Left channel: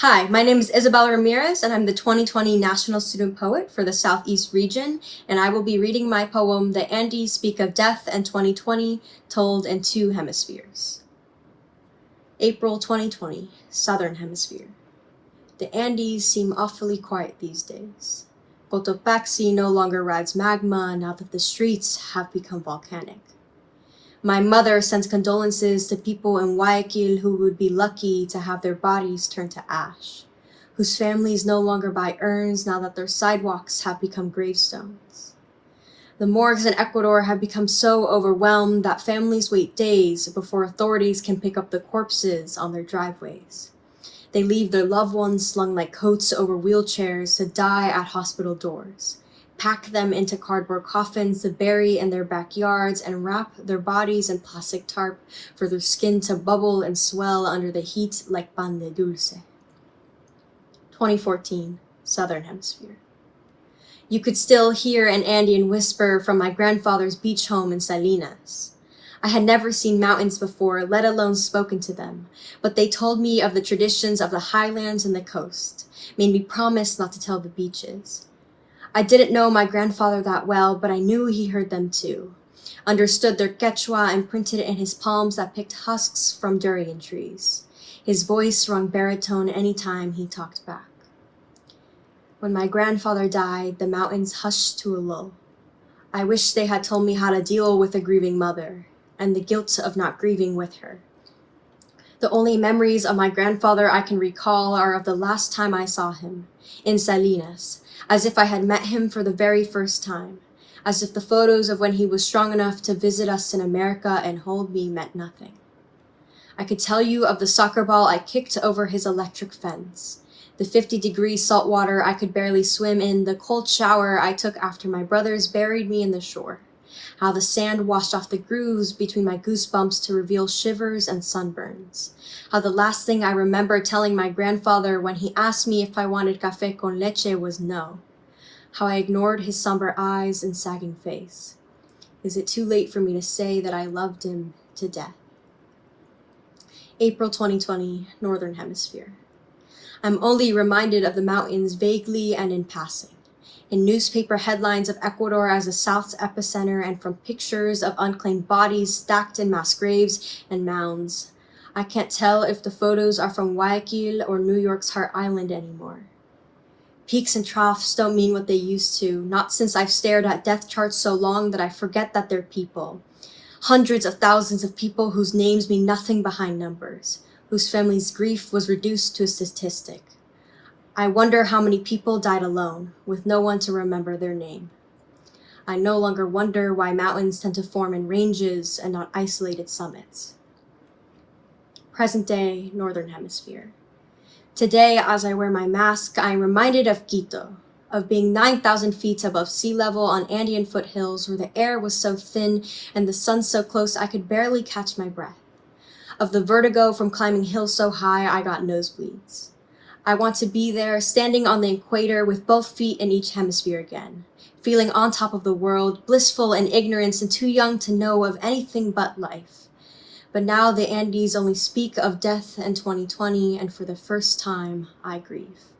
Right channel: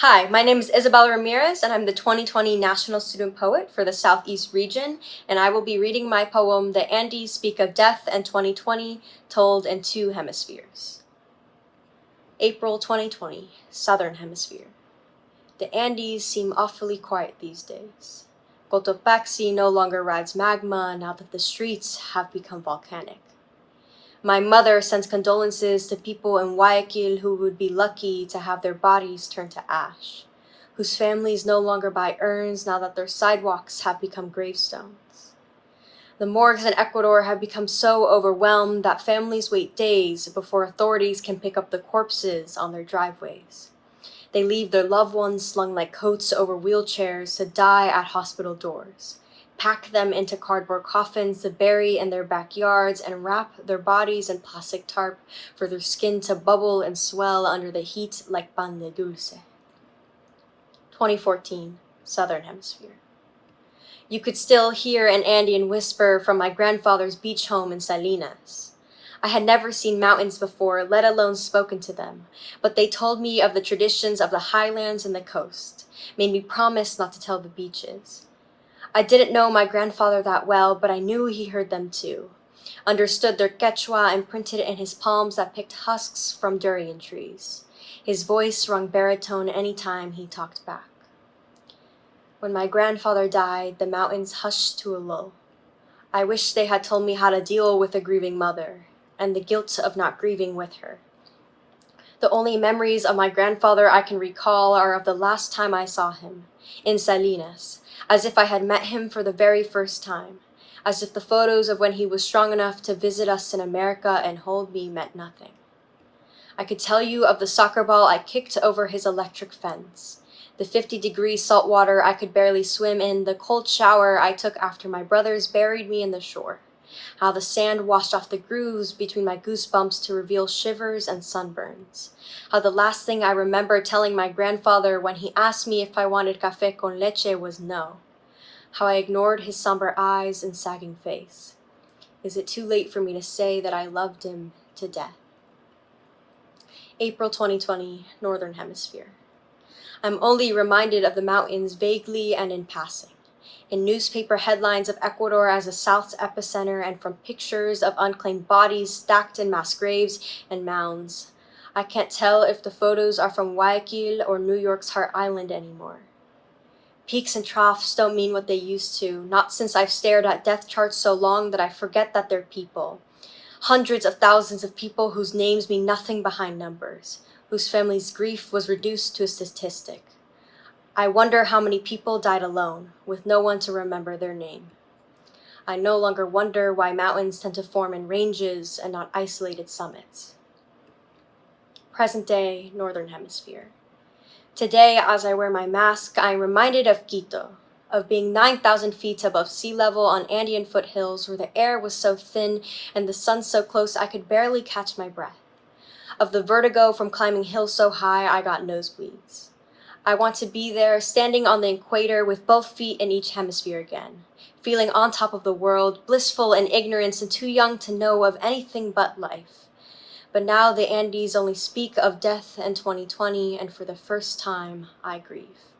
Hi, my name is Isabella Ramirez, and I'm the 2020 National Student Poet for the Southeast region, and I will be reading my poem, The Andes Speak of Death and 2020, Told in Two Hemispheres. April 2020, Southern Hemisphere. The Andes seem awfully quiet these days. Cotopaxi no longer rides magma now that the streets have become volcanic. My mother sends condolences to people in Guayaquil who would be lucky to have their bodies turned to ash, whose families no longer buy urns now that their sidewalks have become gravestones. The morgues in Ecuador have become so overwhelmed that families wait days before authorities can pick up the corpses on their driveways. They leave their loved ones slung like coats over wheelchairs to die at hospital doors, pack them into cardboard coffins to bury in their backyards, and wrap their bodies in plastic tarp for their skin to bubble and swell under the heat like pan de dulce. 2014, Southern Hemisphere. You could still hear an Andean whisper from my grandfather's beach home in Salinas. I had never seen mountains before, let alone spoken to them, but they told me of the traditions of the highlands and the coast, made me promise not to tell the beaches. I didn't know my grandfather that well, but I knew he heard them too, understood their Quechua and printed it in his palms that picked husks from durian trees. His voice rung baritone any time he talked back. When my grandfather died, the mountains hushed to a lull. I wish they had told me how to deal with a grieving mother, and the guilt of not grieving with her. The only memories of my grandfather I can recall are of the last time I saw him, in Salinas, as if I had met him for the very first time, as if the photos of when he was strong enough to visit us in America and hold me meant nothing. I could tell you of the soccer ball I kicked over his electric fence, the 50-degree salt water I could barely swim in, the cold shower I took after my brothers buried me in the shore, how the sand washed off the grooves between my goosebumps to reveal shivers and sunburns, how the last thing I remember telling my grandfather when he asked me if I wanted café con leche was no, how I ignored his somber eyes and sagging face. Is it too late for me to say that I loved him to death? April 2020, Northern Hemisphere. I'm only reminded of the mountains vaguely and in passing, in newspaper headlines of Ecuador as the South's epicenter and from pictures of unclaimed bodies stacked in mass graves and mounds. I can't tell if the photos are from Guayaquil or New York's Heart Island anymore. Peaks and troughs don't mean what they used to, not since I've stared at death charts so long that I forget that they're people. Hundreds of thousands of people whose names mean nothing behind numbers, whose family's grief was reduced to a statistic. I wonder how many people died alone, with no one to remember their name. I no longer wonder why mountains tend to form in ranges and not isolated summits. Present day, Northern Hemisphere. Today, as I wear my mask, I am reminded of Quito, of being 9,000 feet above sea level on Andean foothills where the air was so thin and the sun so close I could barely catch my breath, of the vertigo from climbing hills so high I got nosebleeds. I want to be there, standing on the equator with both feet in each hemisphere again, feeling on top of the world, blissful in ignorance and too young to know of anything but life. But now the Andes only speak of death and 2020, and for the first time, I grieve.